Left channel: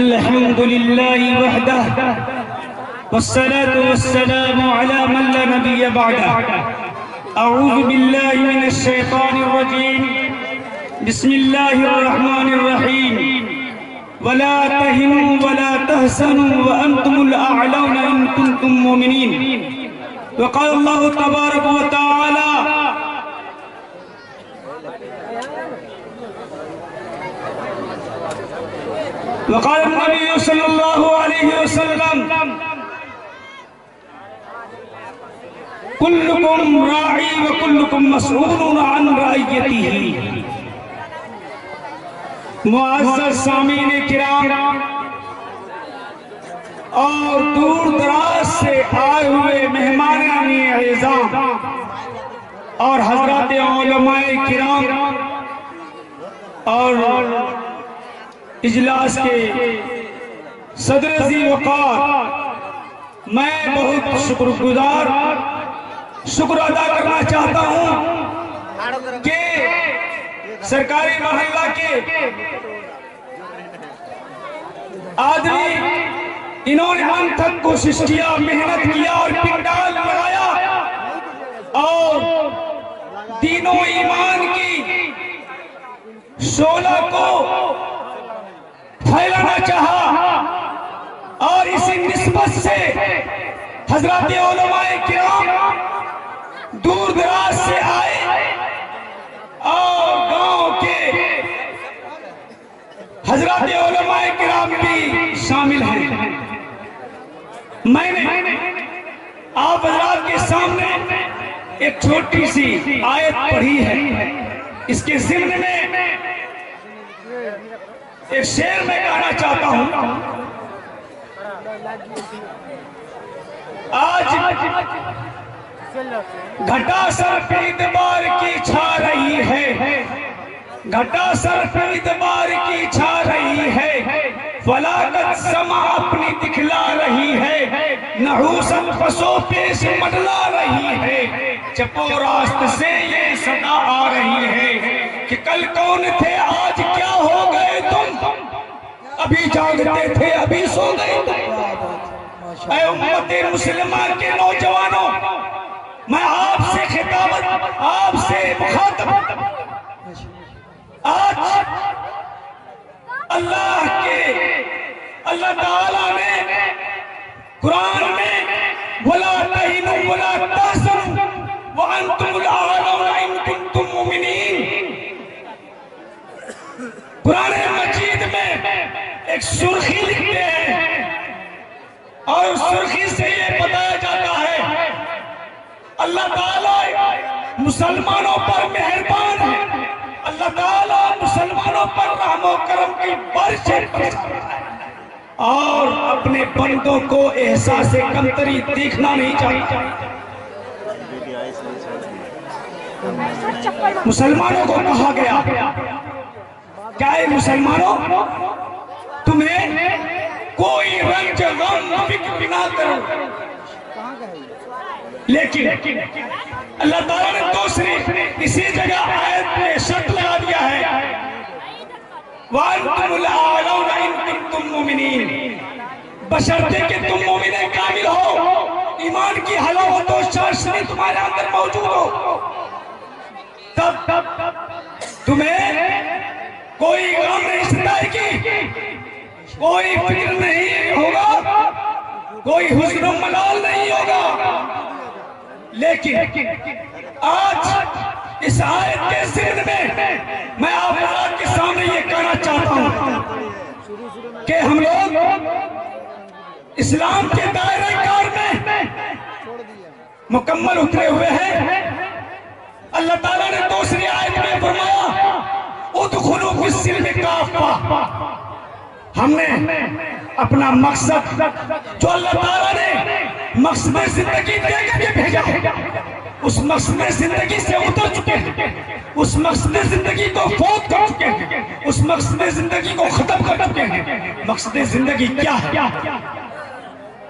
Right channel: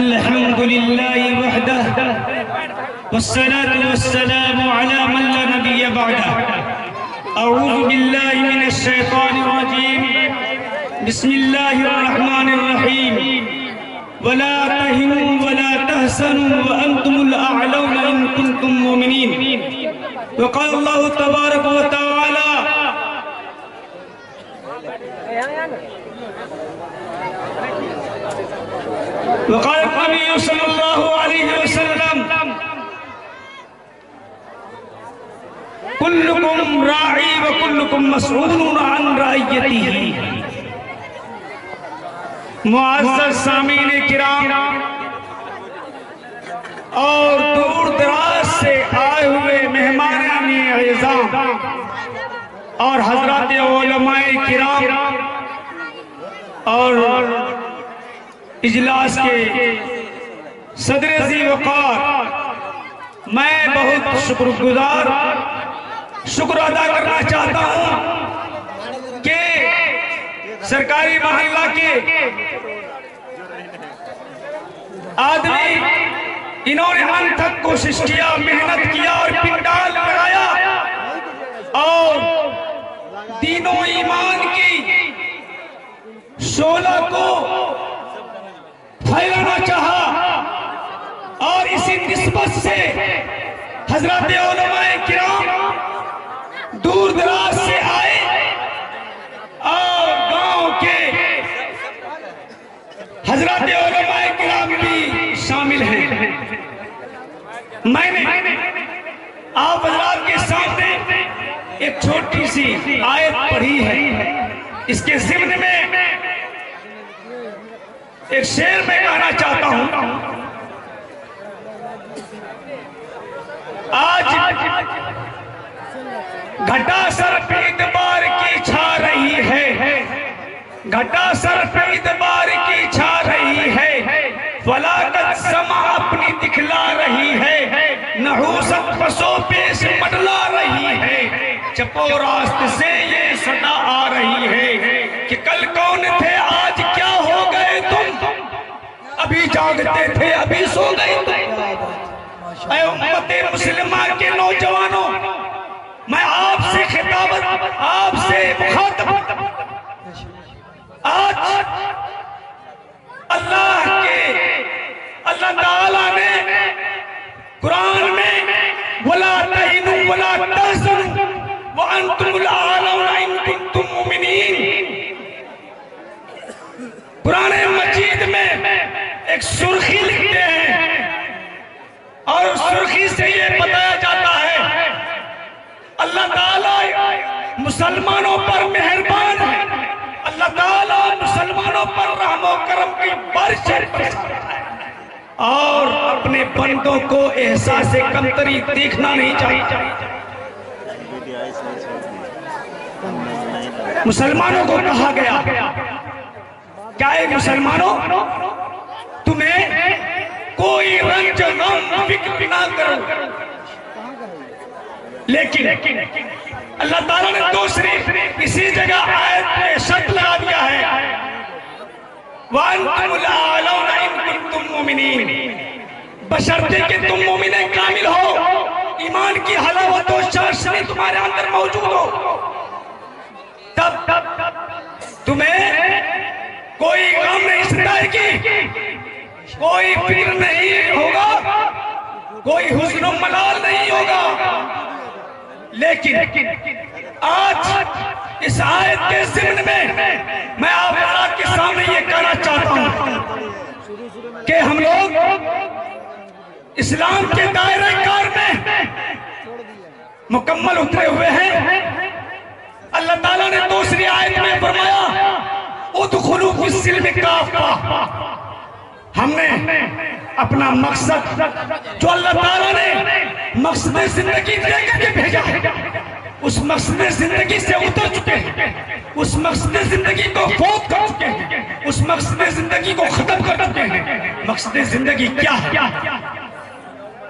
الحمد لله وحده والصلاة والسلام على من لا نبي بعده. أعوذ بالله من الشيطان الرجيم. بسم الله الرحمن الرحيم. ولا تهنوا ولا تحزنوا وأنتم الأعلون إن كنتم مؤمنين. وقال الله تبارك وتعالى وقال النبي صلى الله عليه وسلم كلكم راعي وكلكم مسؤول عن رعيته. معزز سامعین کرام اور دور دراز سے آئے ہوئے مہمانان اعزام اور حضرات علماء کرام اور اجلاس کے صدر ذی وقار، میں بہت شکر ادا کرنا چاہتا ہوں کہ سرکاری محلہ کے آدمی انہوں نے انتھک کوشش کیا، محنت کیا اور پنڈال بنایا اور دین و ایمان کی شعلہ کو پھیلانا چاہا، اور اسی نسبت سے حضرات علماء کرام دور دراز سے آئے اور گاؤں کے حضرات علماء کرام بھی شامل ہیں. میں نے آپ حضرات کے سامنے ایک چھوٹی سی آیت پڑھی ہے. اس کے ضمن میں ایک شعر میں کہنا چاہتا ہوں. آج گھٹا سر پہ اتبار کی چھا رہی ہے، گھٹا سر پہ اتبار کی چھا رہی ہے، فلاکت سما اپنی دکھلا رہی ہے، نحوست پسو پیش مڈلا رہی ہے، چپو راست سے یہ صدا آ رہی ہے کہ کل کون تھے آج کیا ہو گئے تم، ابھی جاگتے تھے ابھی سو گئے تم. اے امت مسلمہ کے نوجوانوں، میں آپ سے خطابت، آپ سے مخاطب، آج اللہ تعالیٰ نے قرآن میں وَلَا تَهِنُوا وَلَا تَحْزَنُوا وَأَنْتُمُ الْأَعْلَوْنَ إِن كُنتُم مُّؤْمِنِينَ. قرآن مجید میں ایک سرخی لکھتے ہیں اور اس سرخی سے یہ بتایا جاتا ہے اللہ تعالیٰ مسلمانوں پر مہربان ہے، اللہ تعالیٰ مسلمانوں پر رحم و کرم کی بارشیں برساتا ہے اور اپنے بندوں کو احساس کمتری دیکھنا نہیں چاہیے. مسلمانوں کو کہا گیا کیا اے مسلمانوں، تمہیں کوئی رنج غم فکر نہ کرو. لیکن اللہ تعالیٰ نے دوسری اسی جگہ آیت میں شرط لگا دیا ہے وَأَنْتُمُ الْأَعْلَوْنَ إِن كُنتُم مُّؤْمِنِينَ، بشرطے کہ تم مومن کامل ہو، ایمان کی حلاوت و چاشنی تمہارے اندر موجود ہو، تب تمہیں کوئی غم نہیں ستائے گی، کوئی فکر نہیں ہوگا، کوئی حزن و ملال نہیں ہوگا. لیکن آج اس آیت کے ضمن میں میں آپ حضرات کے سامنے یہ کہنا چاہتا ہوں کہ ہم لوگ اسلام کے دائرہ کار میں مکمل اترے ہوئے ہیں. اللہ تعالیٰ نے دوسری آیت میں فرمایا ادخلوا فی السلم کافہ. ہم نے اپنا مقصد جو اللہ تعالیٰ نے مقصد زندگی دے کے بھیجا ہے، اس مقصد زندگی سے اتر چکے ہیں، اس مقصد زندگی کو فوت کر چکے ہیں، اس مقصد زندگی کو ختم کر چکے ہیں. مقصد زندگی کیا ہے؟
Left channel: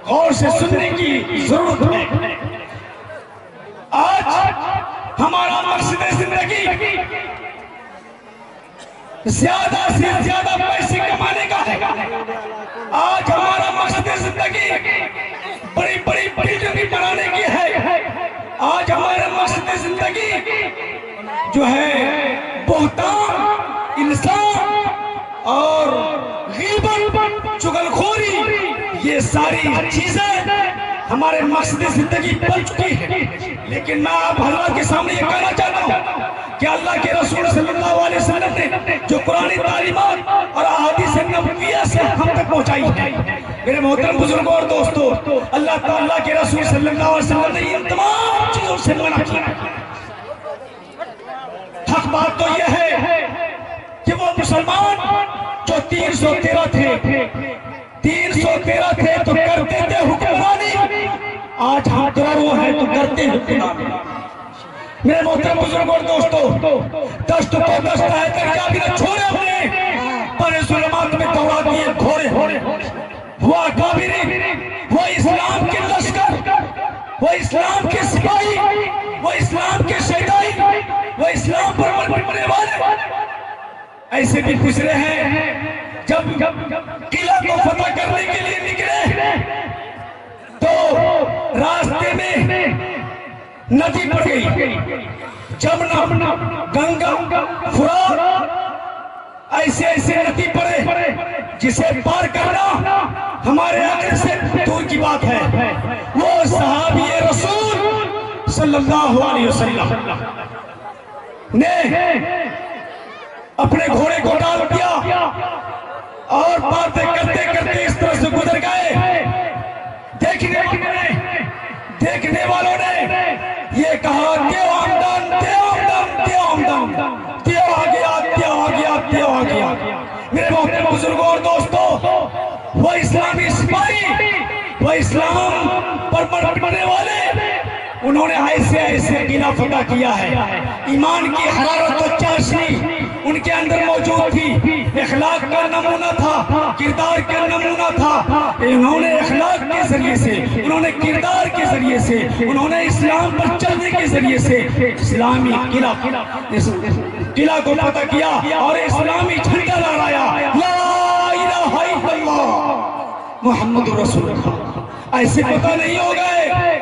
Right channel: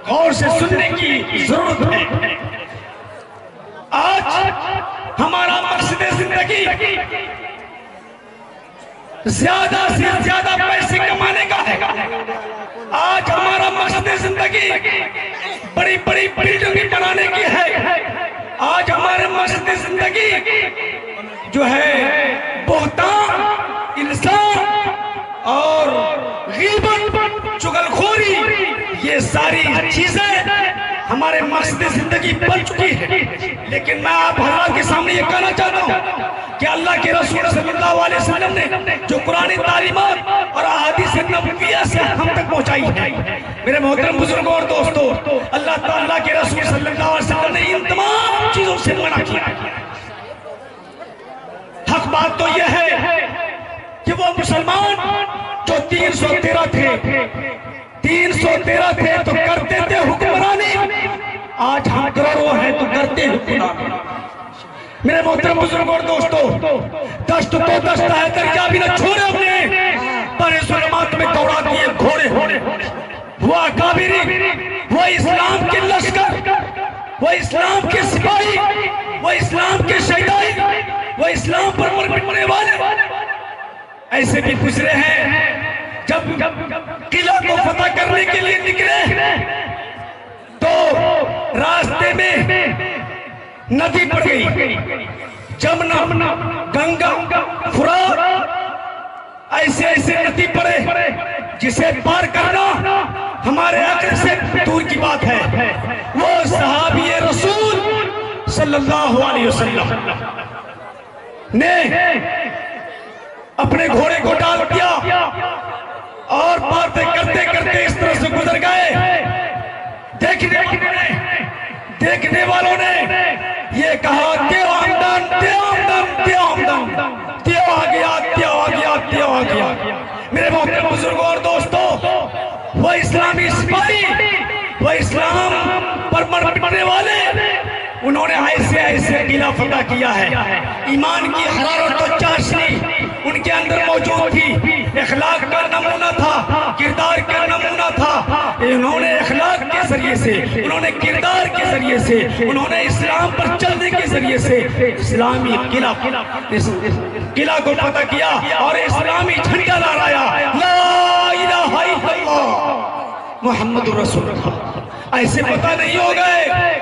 غور سے سننے کی ضرورت ہے. آج ہمارا مقصد زندگی زیادہ سے زیادہ پیسے کمانے کا ہے. آج ہمارا مقصد زندگی بڑی بڑی بلڈنگیں بنانے کی ہے. آج ہمارا مقصد زندگی جو ہے بہتان، الزام اور غیبت، چغلخوری، یہ ساری چیزیں ہمارے مقصد زندگی بن چکی ہے. لیکن میں آپ حضرات کے سامنے یہ کہنا چاہتا ہوں کہ اللہ کے رسول صلی اللہ علیہ وسلم نے جو قرآن تعلیمات اور احادیث نبویہ سے ہم تک پہنچائی ہے، میرے محترم بزرگوں اور دوستوں، اللہ تعالیٰ کے رسول صلی اللہ علیہ وسلم نے ان تمام چیزوں سے منع کیا. حق بات تو یہ ہے کہ وہ مسلمان جو 313 تھے تو کرتے تھے حکمرانی. آج ہم کروڑوں ہیں تو کرتے حکمرانی. میرے محترم بزرگوں اور دوستوں، دشت تو دشت ہے، دریا بھی نہ چھوڑے اپنے پر ظلمات میں دوڑا دیے گھوڑے. وہ اکابری، وہ اسلام کے لشکر، وہ اسلام کے سپاہی، وہ اسلام کے شہدائی، وہ اسلام پر مرنے والے ایسے بھی گزرے ہیں. جب قلعہ کو فتح کرنے کے لیے نکلے تو راستے میں ندی پڑ گئی، جمنا، گنگا، فرات، ایسے ایسے ندی پڑے جسے پار کرنا ہمارے عقل سے دور کی بات ہے. وہ صحابی رسول صلی اللہ علیہ وسلم نے اپنے گھوڑے کو ڈال دیا اور باتیں کرتے کرتے اس طرح سے گزر گئے. دیکھنے والوں نے یہ کہا دیو آمدن، دیو آمدن، دیو آمدن، دیو آ گیا، دیو آ گیا، دیو آ گیا. میرے محترم بزرگوں اور دوستوں، وہ اسلامی سپاہی، وہ اسلام پر مرنے والے، انہوں نے ایسے قلعہ فتح کیا ہے. ایمان کی حرارت و چاشنی ان کے اندر موجود تھی، اخلاق کا نمونہ تھا، کردار کا نمونہ تھا. انہوں نے اخلاق کے ذریعے سے، انہوں نے کردار کے ذریعے سے، انہوں نے اسلام پر چلنے کے ذریعے سے اسلامی قلعہ کو فتح کیا اور اسلامی جھنڈا لہرایا، لا الہ الا اللہ محمد رسول اللہ. ایسے فتح نہیں ہو گئے.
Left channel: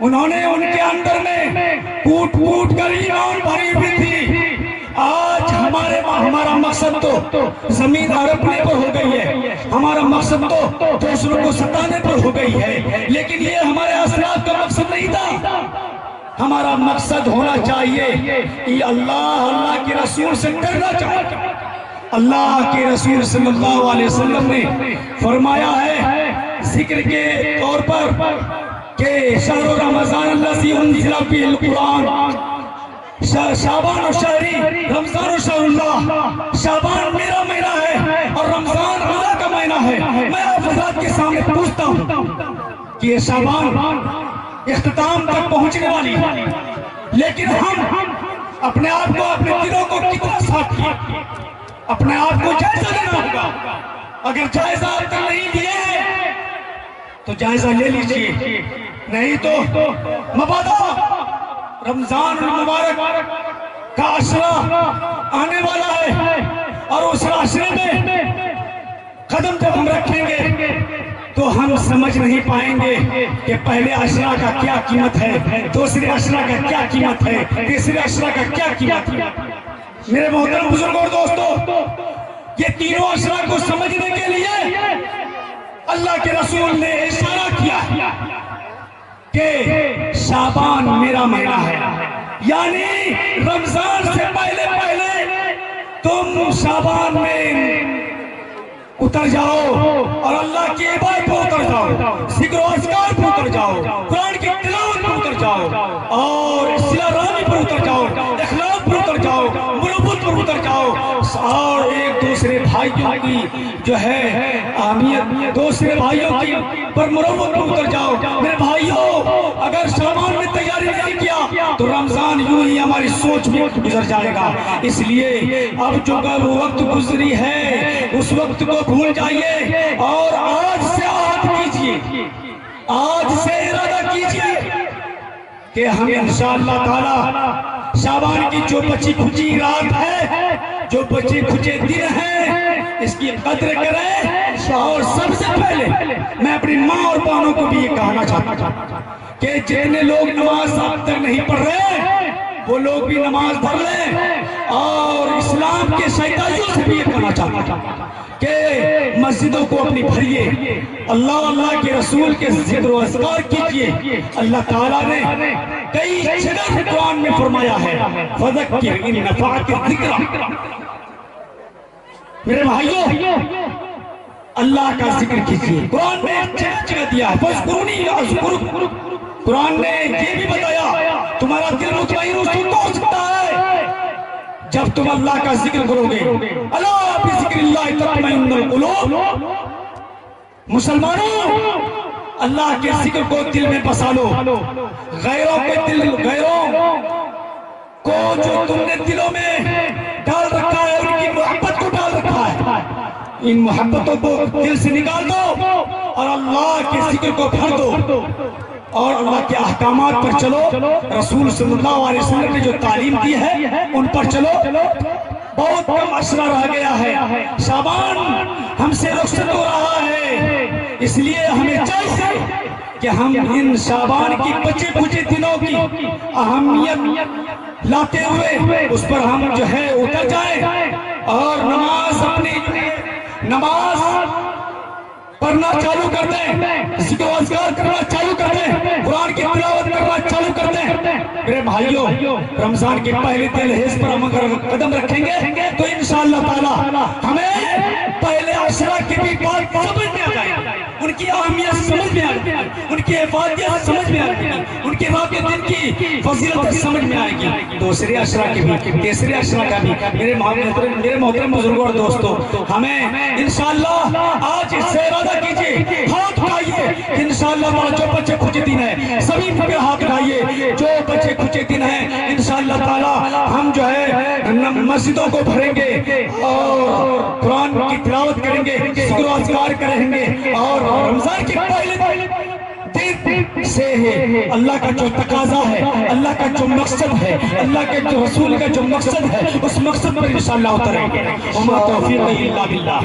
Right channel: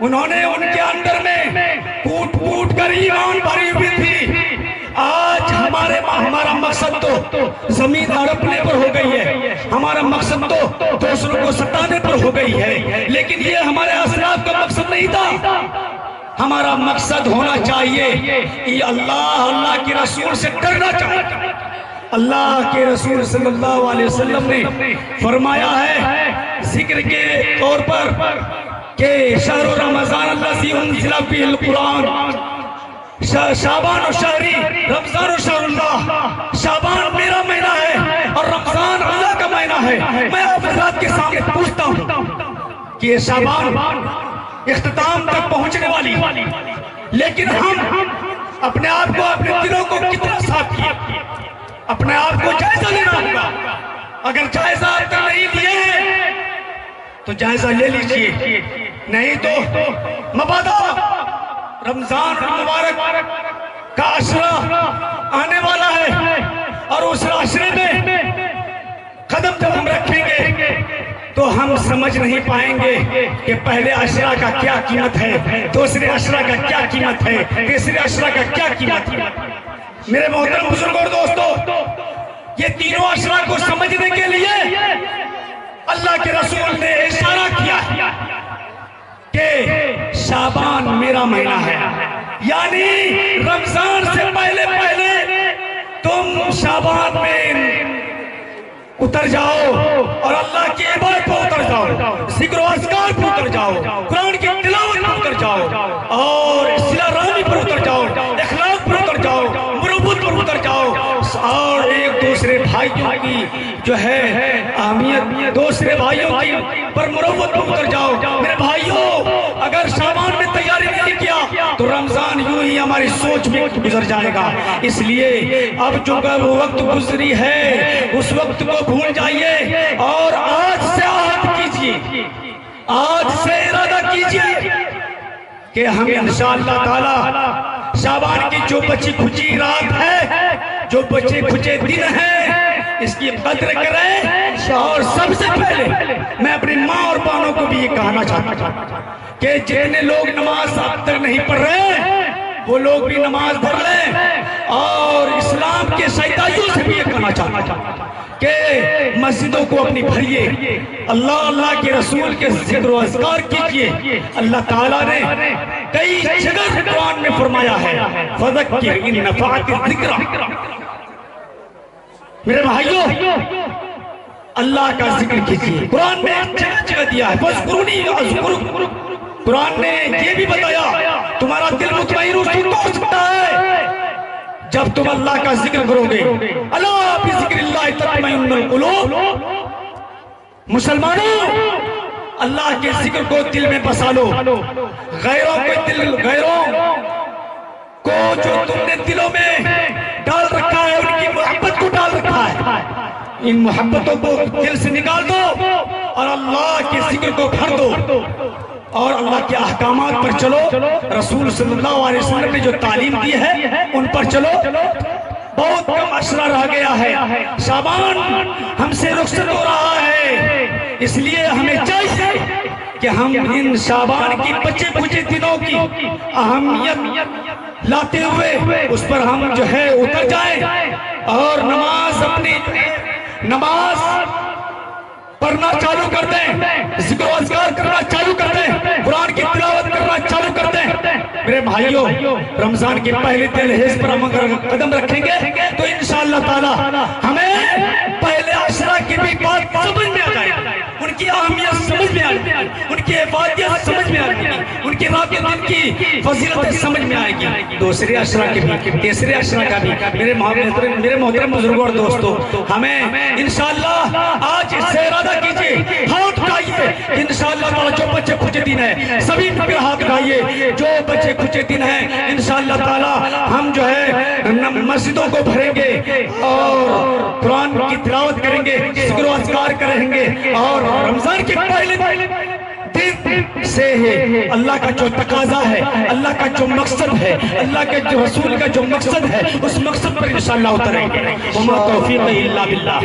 انہوں نے ان کے اندر میں کوٹ کوٹ کر ایمان بھری ہوئی تھی. آج ہمارا مقصد تو زمین ہڑپنے پر ہو گئی ہے، ہمارا مقصد تو دوسروں کو ستانے پر ہو گئی ہے. لیکن یہ ہمارے اسلاف کا مقصد نہیں تھا. ہمارا مقصد ہونا چاہیے کہ اللہ کے رسول سے ڈرنا چاہیے. اللہ کے رسول صلی اللہ علیہ وسلم نے فرمایا ہے ذکر کے طور پر کہ شہر رمضان الذی انزل فیہ القرآن، شعبان و شہری، رمضان و شہر اللہ. شعبان میرا مہینہ ہے اور رمضان اللہ کا مہینہ ہے. میں آپ حضرات کے سامنے پوچھتا ہوں کہ یہ شعبان اختتام تک پہنچنے والی، لیکن ہم اپنے آپ کو، اپنے دلوں کو کتنا صاف کیا؟ اپنے آپ کو جائزہ لینا ہوگا. اگر جائزہ آپ کا نہیں لیے ہیں تو جائزہ لے لیجئے، نہیں تو مبادا رمضان المبارک کا عشرہ آنے والا ہے اور اس عشرے میں قدم جب ہم رکھیں گے تو ہم سمجھ نہیں پائیں گے کہ پہلے عشرہ کا کیا قیمت ہے، دوسرے عشرہ کا کیا قیمت ہے، تیسرے عشرہ کا کیا قیمت ہے. میرے محترم بزرگوں اور دوستوں، یہ تینوں عشرہ کو سمجھنے کے لیے اللہ کے رسول نے اشارہ کیا کہ شعبان میرا مہینہ ہے، یعنی رمضان سے پہلے تم شعبان میں اتر جاؤ اور اللہ کی عبادت پر اتر جاؤ، ذکر و اذکار پر اتر جاؤ، قرآن کی تلاوت پر اتر جاؤ اور صلہ رحمی پر اتر جاؤ، اخلاق پر اتر جاؤ، مروت پر اتر جاؤ اور ایک دوسرے بھائیوں کی جو ہے اہمیت، دوسرے بھائیوں کی پر مروت پر اتر جاؤ. میرے بھائیوں، اگر شعبان میں تیاری نہیں کیا تو رمضان یوں ہی ہماری سوچ میں گزر جائے گا. اس لیے اب جو وہ وقت گزری ہے اس وقت کو بھول جائیے اور آج سے عہد کیجئے، آج سے ارادہ کیجئے کہ ہم انشاءاللہ تعالی شعبان کی جو بچی کھچی رات ہے جو بچے کھچے دن ہیں اس کی قدر کریں. اور سب سے پہلے میں اپنی ماں اور بہنوں کو بھی یہ کہنا چاہتا ہوں کہ جتنے لوگ نماز اب تک نہیں پڑھ رہے وہ لوگ بھی نماز پڑھ لیں. اور اسلام کے شہدائیوں سے بھی یہ کہنا چاہتا ہوں کہ مسجدوں کو اپنی بھریے, اللہ کے رسول کے ذکر و اذکار کیجئے. اللہ تعالیٰ نے کئی جگہ قرآن میں فرمایا ہے فذکر ان نفعت الذکر. میرے بھائیوں اللہ کا ذکر کیجئے. قرآن نے جگہ دیا ہے فاذکرونی اذکرکم. قرآن نے یہ بھی بتایا تمہارا دل مطمئن ہو سکتا ہے جب تم اللہ کا ذکر کرو گے. اللہ بذکر اللہ تطمئن القلوب. مسلمانوں اللہ کے ذکر کو دل میں بسا لو. غیروں کو جو تم نے دلوں میں ڈال رکھا ہے ان کی محبت کو ڈال رکھا ہے, ان محبتوں کو دل سے نکال دو اور اللہ کے ذکر کو بھر دو اور اللہ کے احکامات پر چلو. رسول صلی اللہ علیہ وسلم نے جو تعلیم دی ہے ان پر چلو. بہت کم عشرہ رہ گیا ہے, شعبان ہم سے رخصت ہو رہا ہے, اس لیے ہمیں چاہیے کہ ہم ان شعبان کی بچے بچے دنوں کی اہمیت لاتے ہوئے اس پر ہم جو ہے اتر جائیں اور نماز پڑھنا چالو کر دیں, ذکر و اذکار کرنا چالو کر دیں, قرآن کی تلاوت کرنا چالو کر دیں. میرے بھائیوں رمضان کے پہلے دن حص پر ہم اگر قدم رکھیں گے تو انشاءاللہ تعالی ہمیں پہلے عشرہ کی بھی بات سمجھ میں آ جائے گی, ان کی اہمیت سمجھ میں آئے گی, ان کی عبادت سمجھ میں آئے گی, ان کی رات دن کی فضیلت سمجھ میں آئے گی. دوسرے عشرہ کی بھی, تیسرے عشرہ کا بھی. میرے محترم بزرگوں اور دوستوں ہمیں انشاءاللہ آج اس سے ارادہ کیجئے, ہاتھ اٹھائیے انشاءاللہ جو بچے کھچے دن ہیں سبھی پر ہاتھ اٹھائیے جو بچے کھچے دن ہیں انشاءاللہ تعالی ہم جو ہے مسجدوں کو بھریں گے اور قرآن کی تلاوت کریں گے, ذکر و اذکار کریں گے. اور رمضان کے پہلے دن سے ہے اللہ کا جو تقاضا ہے, اللہ کا جو مقصد ہے, اللہ کے جو رسول کا جو مقصد ہے اس مقصد پر انشاءاللہ اتریں گے. وما توفیق الا باللہ.